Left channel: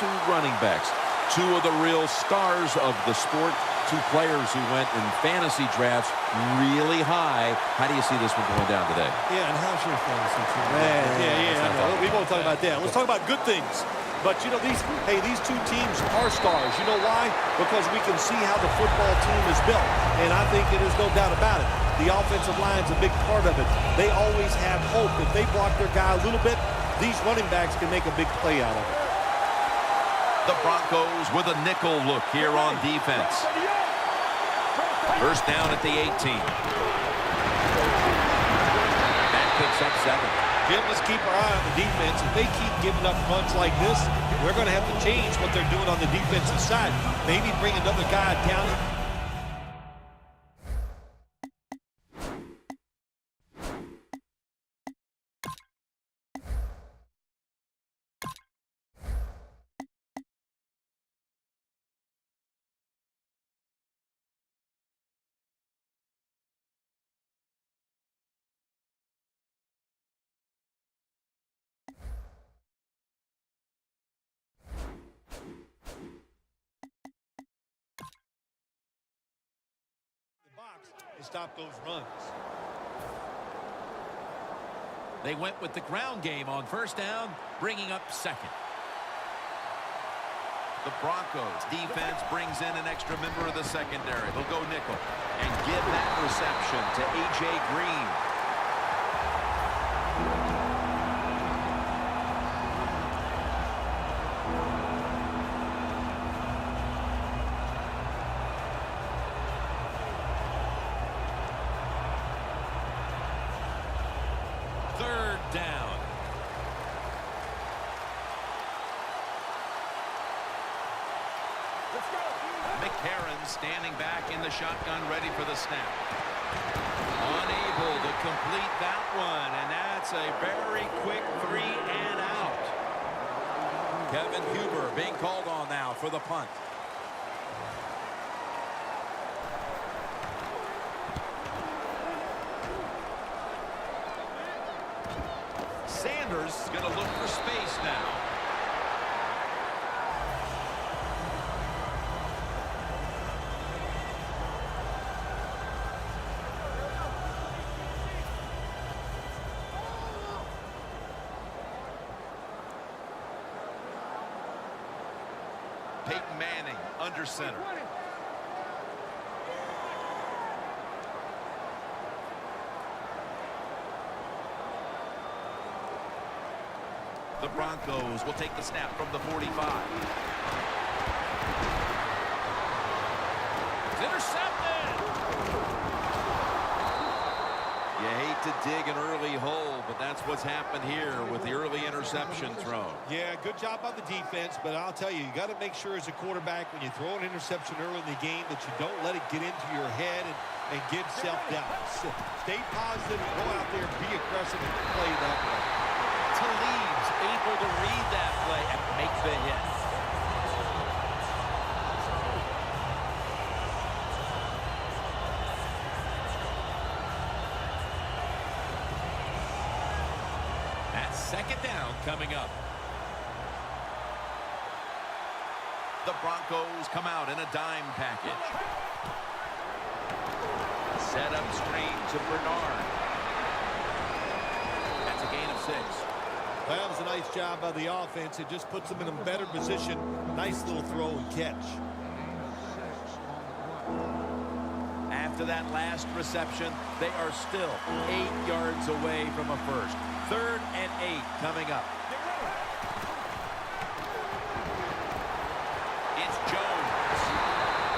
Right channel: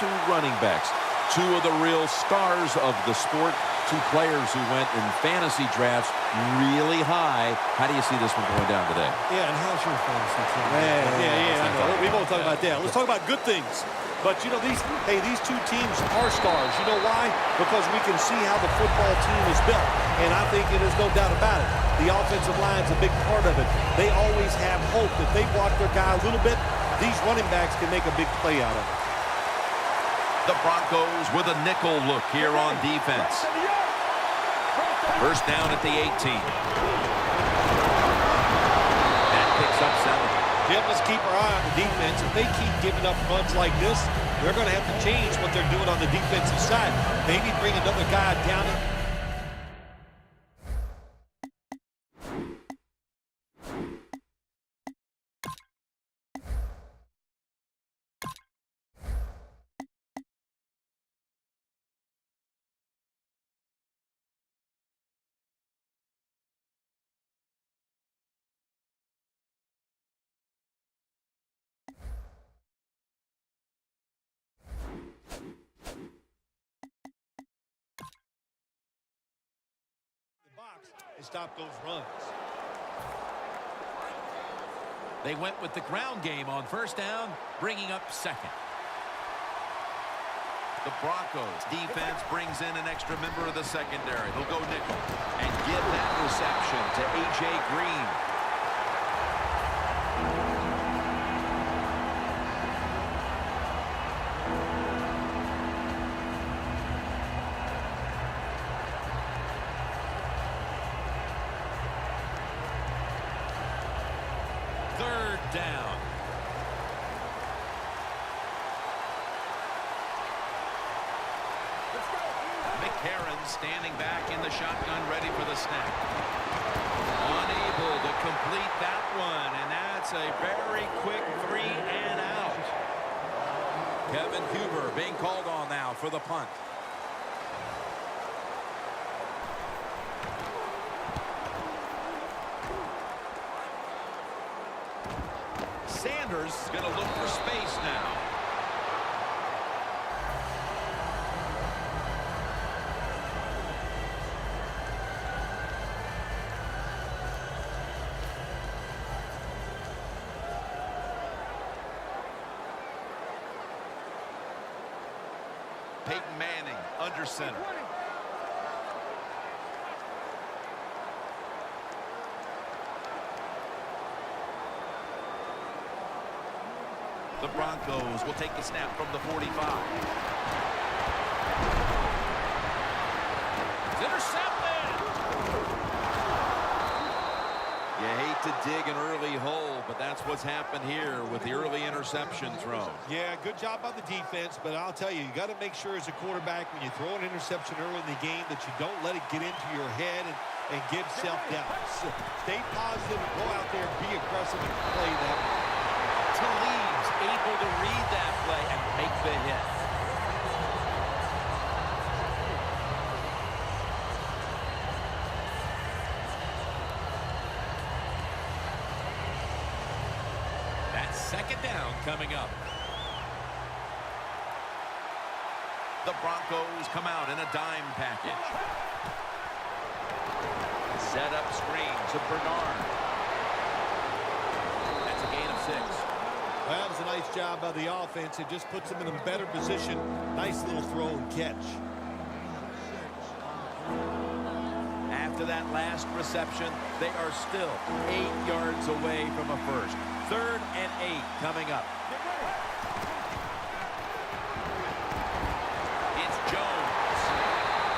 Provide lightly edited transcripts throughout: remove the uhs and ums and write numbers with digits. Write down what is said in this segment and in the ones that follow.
two running backs, two of the real stars of the sport, two players who went in fantasy drafts really high. How do you see this one going down today? Yeah, and how's your fantasy team? Yeah, I know. We won't talk about that. Let's talk about good things. But, you know, these two teams are stars. You know why? Because we can see how the football team is built. And I think it is no doubt about it. The offensive line's a big part of it. They always have hope. If they block their guy a little bit, these running backs can make a big play out of it. The Broncos with a nickel look here on defense. First down at the 18. That picks up 7. Jim, let's keep our eye on the defense. If they keep giving up runs like this, they're going to have to change what they're doing on the defensive side. Maybe bring another guy down. And stop those runs. They went with the ground game on first down, bringing up second. The Broncos defense brings in an extra member of the secondary. They'll go nickel and give that reception to A.J. Green. Third down. Let's go. McCarron standing back in the shotgun, ready for the snap. Unable to complete that one, and that's a very quick 3 and out. Kevin Huber being called on now for the punt. Sanders is going to look for space now. Peyton Manning under center. The Broncos will take the snap from the 45. It's intercepted. You hate to dig an early hole, but that's what's happened here with the early interception thrown. Yeah, good job by the defense, but I'll tell you, you got to make sure as a quarterback when you throw an interception early in the game that you don't let it get into your head and give self-doubt. Stay positive, go out there, be aggressive, and play that way. Talib's able to read that play and make the hit. That's second down coming up. The Broncos come out in a dime package. Set up screen to Bernard. That's a gain of 6. That was a nice job by the offense. It just puts them in a better position. Nice little throw and catch. After that last reception, they are still 8 yards away from a first. 3rd and 8 coming up. It's Jones.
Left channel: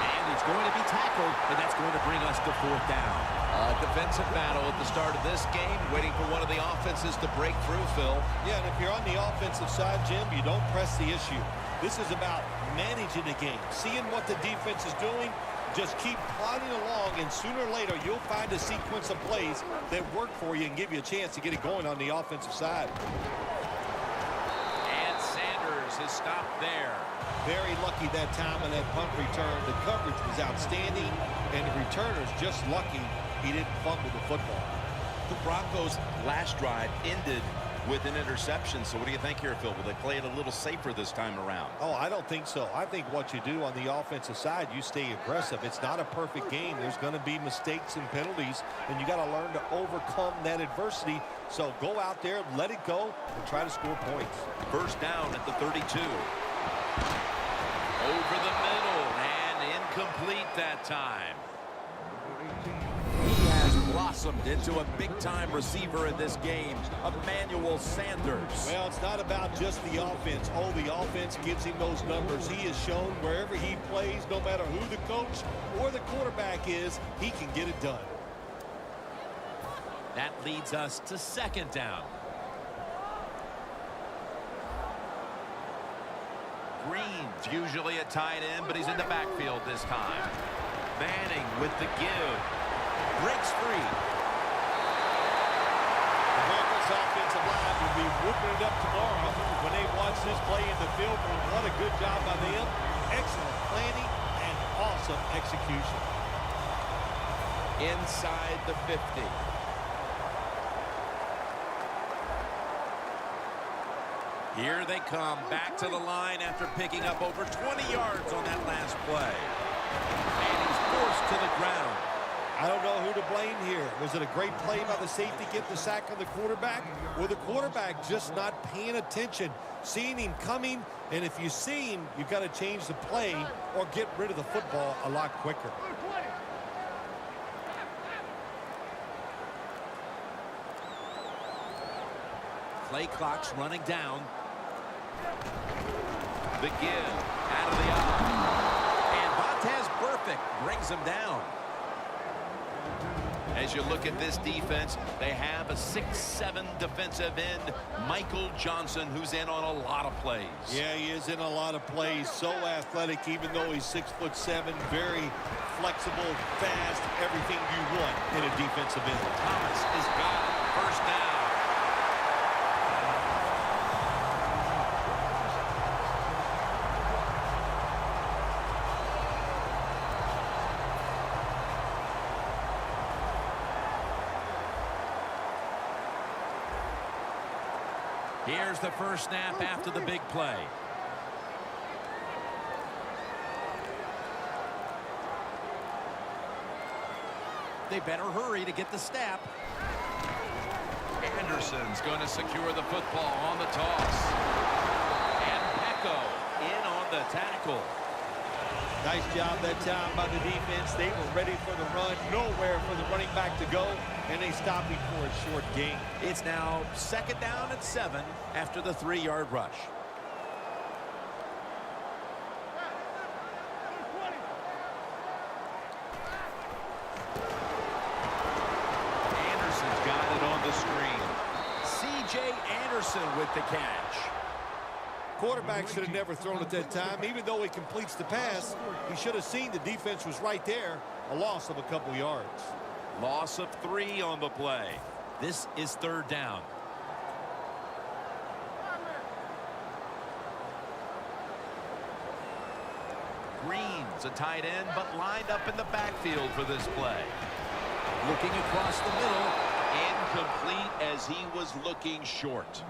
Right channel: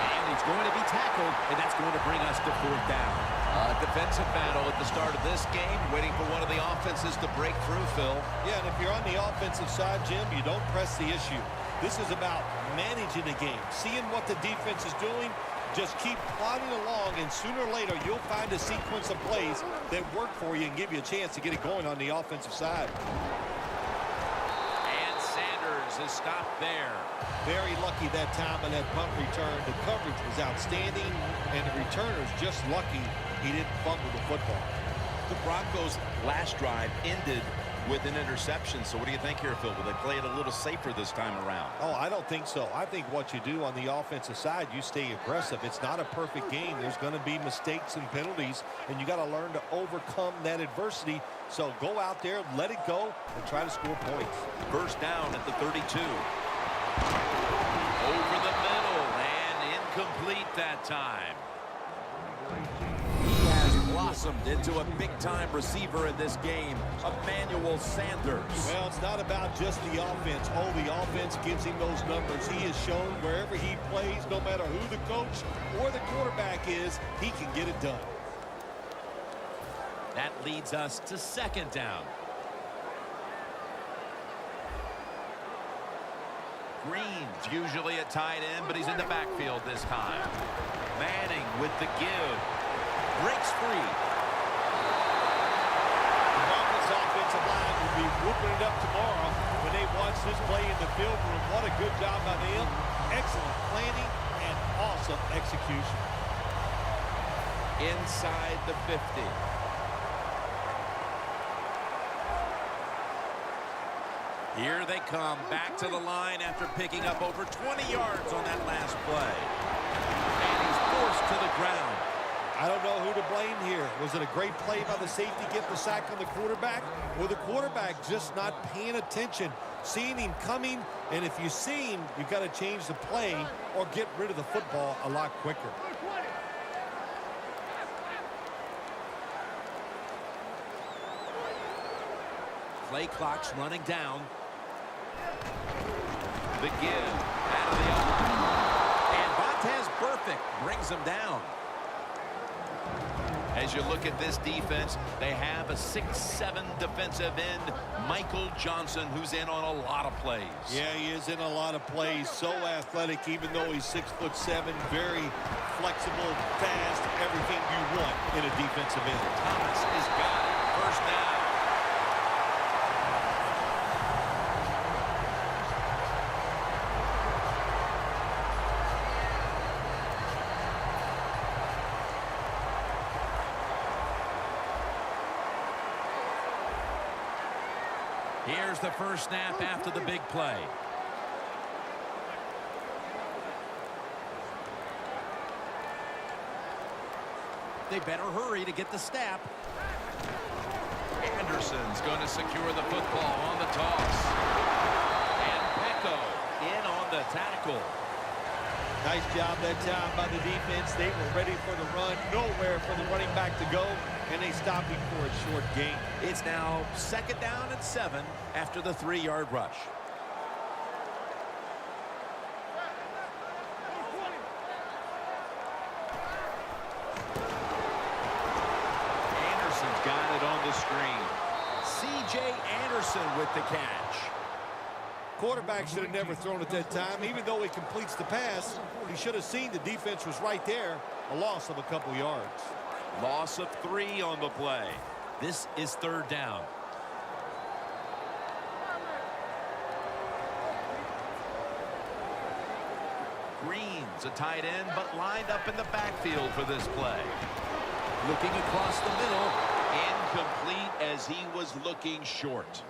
And he's going to be tackled, and that's going to bring us to 4th down. A defensive battle at the start of this game, waiting for one of the offenses to break through, Phil. Yeah, and if you're on the offensive side, Jim, you don't press the issue. This is about managing the game, seeing what the defense is doing. Just keep plodding along, and sooner or later, you'll find a sequence of plays that work for you and give you a chance to get it going on the offensive side. And Sanders is stopped there. Very lucky that time on that punt return. The coverage was outstanding, and the returner's just lucky he didn't fumble the football. The Broncos' last drive ended with an interception. So what do you think here, Phil? Will they play it a little safer this time around? Oh, I don't think so. I think what you do on the offensive side, you stay aggressive. It's not a perfect game. There's going to be mistakes and penalties, and you got to learn to overcome that adversity. So go out there, let it go, and try to score points. First down at the 32. Over the middle, and incomplete that time. He has blossomed into a big-time receiver in this game, Emmanuel Sanders. Well, it's not about just the offense. Oh, the offense gives him those numbers. He has shown wherever he plays, no matter who the coach or the quarterback is, he can get it done. That leads us to second down. Green's usually a tight end, but he's in the backfield this time. Manning with the give. Breaks free. The Broncos offensive line will be whooping it up tomorrow when they watch this play in the film room. What a good job by them. Excellent planning and awesome execution. Inside the 50. Here they come back to the line after picking up over 20 yards on that last play. And he's forced to the ground. I don't know who to blame here. Was it a great play by the safety getting the sack on the quarterback, or the quarterback just not paying attention, seeing him coming? And if you see him, you've got to change the play or get rid of the football a lot quicker. Play clock's running down. The give out of the eye. And Vontez Burfict brings him down. As you look at this defense, they have a 6'7" defensive end, Michael Johnson, who's in on a lot of plays. Yeah, he is in a lot of plays. So athletic, even though he's 6'7", very flexible, fast, everything you want in a defensive end. Thomas has got it. First down. Here's the first snap after the big play. They better hurry to get the snap. Anderson's going to secure the football on the toss. And Pecco in on the tackle. Nice job that time by the defense. They were ready for the run, nowhere for the running back to go, and they stopped him for a short gain. It's now second down and 7 after the 3-yard rush. Anderson's got it on the screen. C.J. Anderson with the catch. Quarterback should have never thrown at that time. Even though he completes the pass, he should have seen the defense was right there. A loss of a couple yards. Loss of 3 on the play. This is third down. Green's a tight end, but lined up in the backfield for this play. Looking across the middle. Incomplete as he was looking short.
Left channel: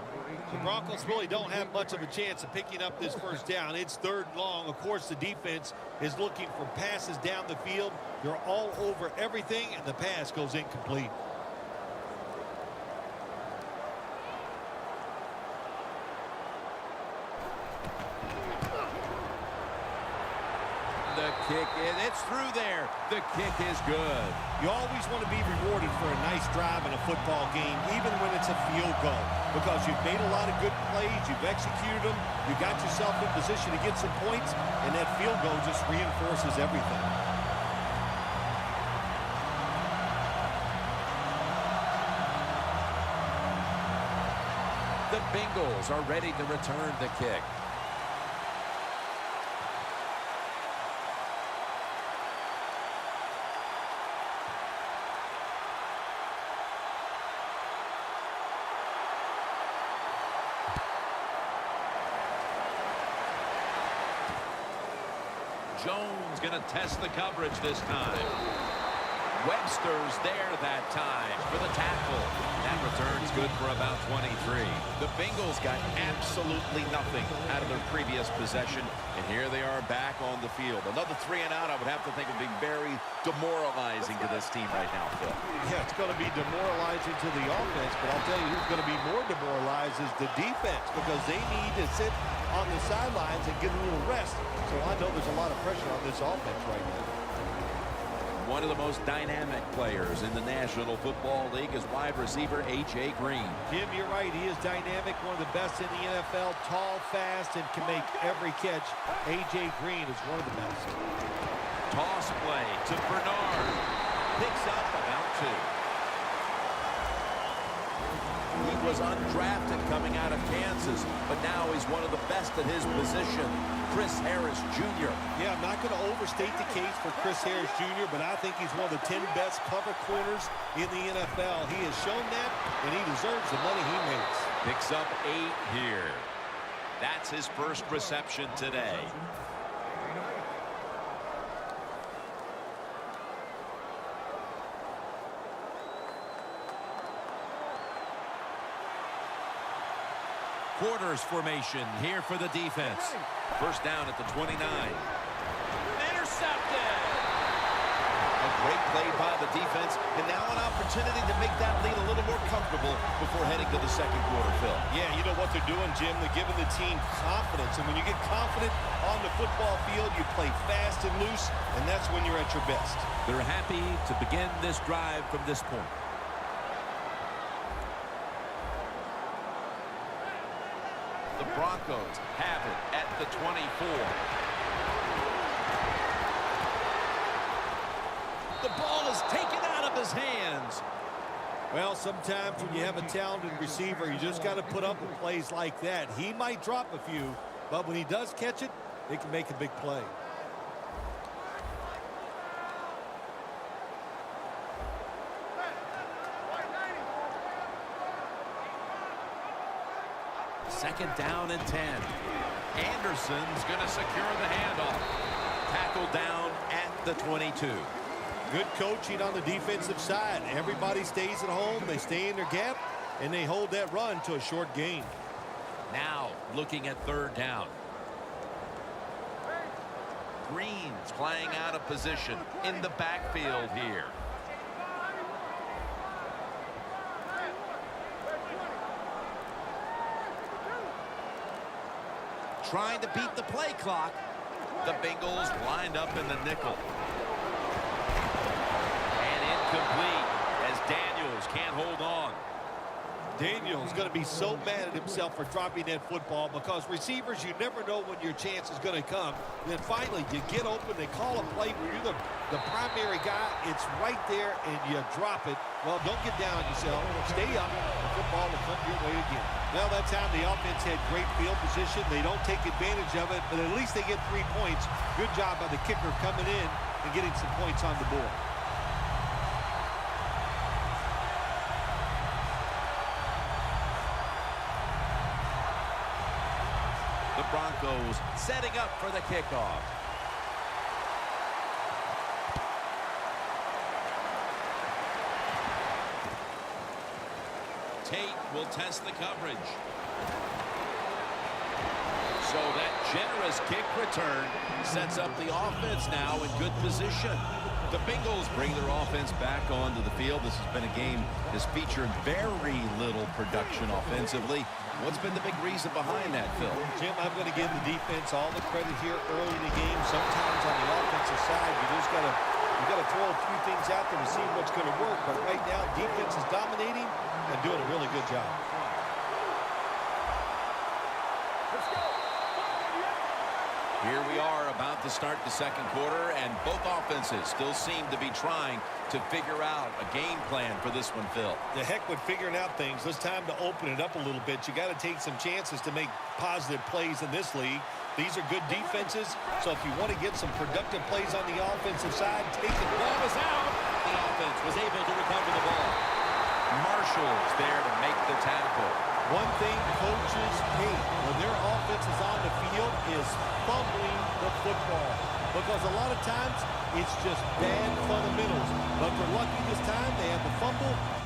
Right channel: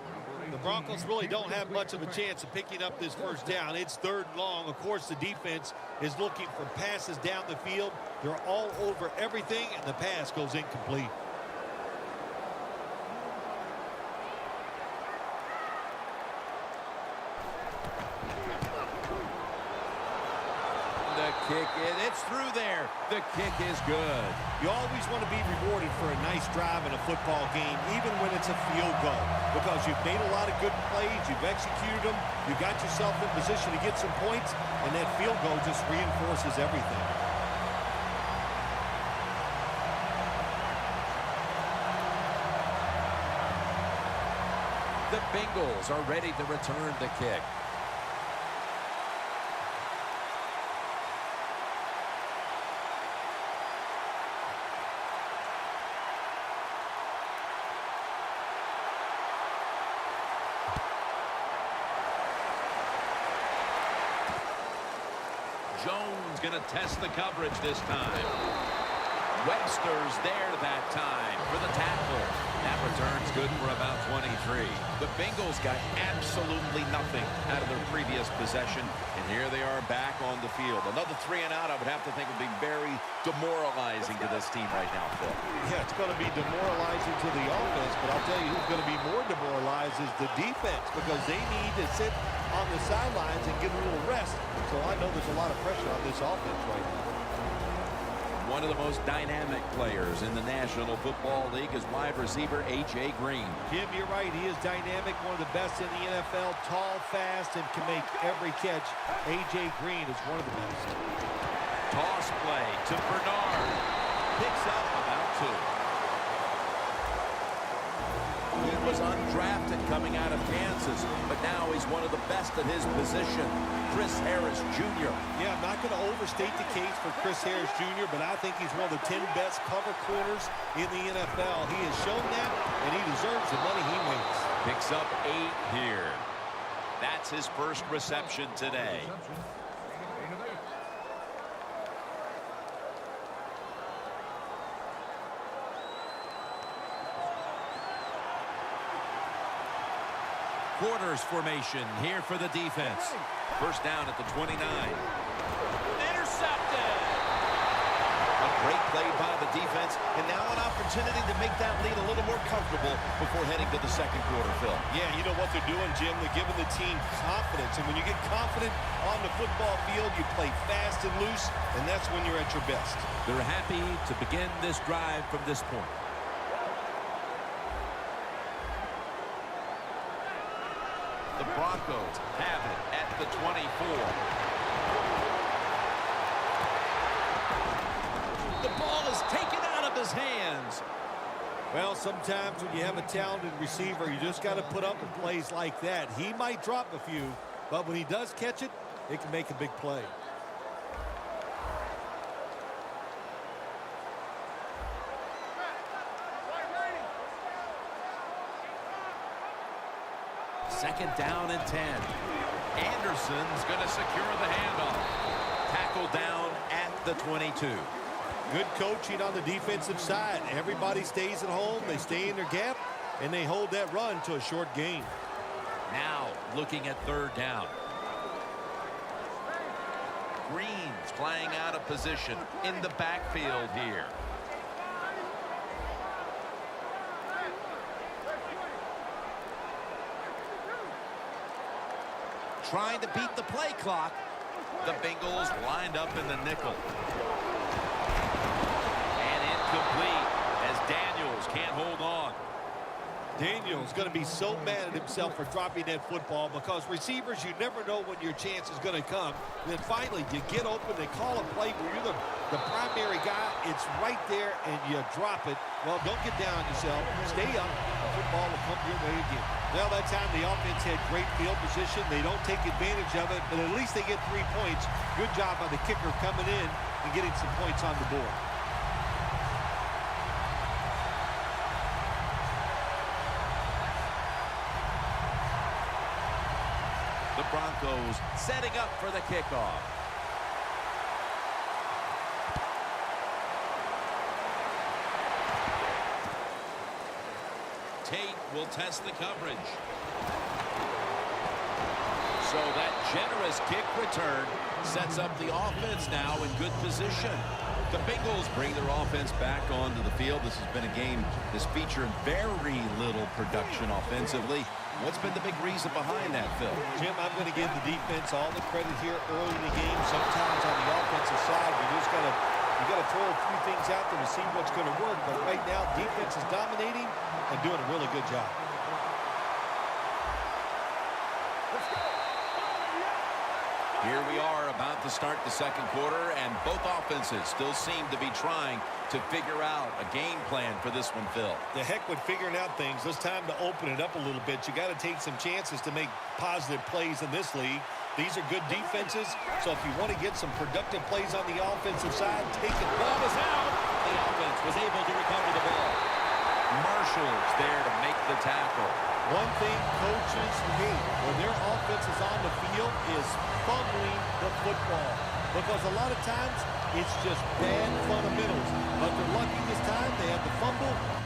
The Broncos really don't have much of a chance of picking up this first down. It's third and long. Of course, the defense is looking for passes down the field. They're all over everything, and the pass goes incomplete. The kick, it's through there. The kick is good. You always want to be rewarded for a nice drive in a football game, even when it's a field goal, because you've made a lot of good plays, you've executed them, you got yourself in position to get some points, and that field goal just reinforces everything. The Bengals are ready to return the kick. Jones going to test the coverage this time. Webster's there that time for the tackle. That return's good for about 23. The Bengals got absolutely nothing out of their previous possession, and here they are back on the field. Another 3 and out, I would have to think, would be very demoralizing to this team right now, Phil. Yeah, it's going to be demoralizing to the offense, but I'll tell you who's going to be more demoralized is the defense, because they need to sit on the sidelines and get a little rest. So I know there's a lot of pressure on this offense right now. One of the most dynamic players in the National Football League is wide receiver A.J. Green. Jim, you're right. He is dynamic, one of the best in the NFL, tall, fast, and can make every catch. A.J. Green is one of the best. Toss play to Bernard. Picks up about 2. He was undrafted coming out of Kansas, but now he's one of the best at his position. Chris Harris Jr. Yeah, I'm not going to overstate the case for Chris Harris Jr., but I think he's one of the 10 best cover corners in the NFL. He has shown that, and he deserves the money he makes. Picks up 8 here. That's his first reception today. Quarters formation here for the defense. First down at the 29. Intercepted. A great play by the defense, and now an opportunity to make that lead a little more comfortable before heading to the second quarter, Phil. Yeah, you know what they're doing, Jim? They're giving the team confidence, and when you get confident on the football field, you play fast and loose, and that's when you're at your best. They're happy to begin this drive from this point. The Broncos have it at the 24. The ball is taken out of his hands. Well, sometimes when you have a talented receiver, you just got to put up with plays like that. He might drop a few, but when he does catch it, it can make a big play. Second down and 10. Anderson's going to secure the handoff. Tackle down at the 22. Good coaching on the defensive side. Everybody stays at home. They stay in their gap, and they hold that run to a short gain. Now looking at third down. Green's flying out of position in the backfield here. Trying to beat the play clock. The Bengals lined up in the nickel. And incomplete as Daniels can't hold on. Daniel's going to be so mad at himself for dropping that football, because receivers, you never know when your chance is going to come. And then finally, you get open, they call a play where you're the primary guy. It's right there, and you drop it. Well, don't get down on yourself. Stay up. The football will come your way again. Well, that time the offense had great field position. They don't take advantage of it, but at least they get 3 points. Good job by the kicker coming in and getting some points on the board. The Broncos setting up for the kickoff. Tate will test the coverage. So that generous kick return sets up the offense now in good position. The Bengals bring their offense back onto the field. This has been a game that's featured very little production offensively. What's been the big reason behind that, Phil? Jim, I'm going to give the defense all the credit here early in the game. Sometimes on the offensive side, you just got to throw a few things out there to see what's going to work. But right now, defense is dominating and doing a really good job. Here we are about to start the second quarter, and both offenses still seem to be trying to figure out a game plan for this one, Phil. The heck with figuring out things. It's time to open it up a little bit. You got to take some chances to make positive plays in this league. These are good defenses, so if you want to get some productive plays on the offensive side, take it. Ball is out. The offense was able to recover the ball. Marshall's there to make the tackle. One thing coaches hate when their offense is on the field is fumbling the football. Because a lot of times, it's just bad fundamentals. But they're lucky this time. They had the fumble.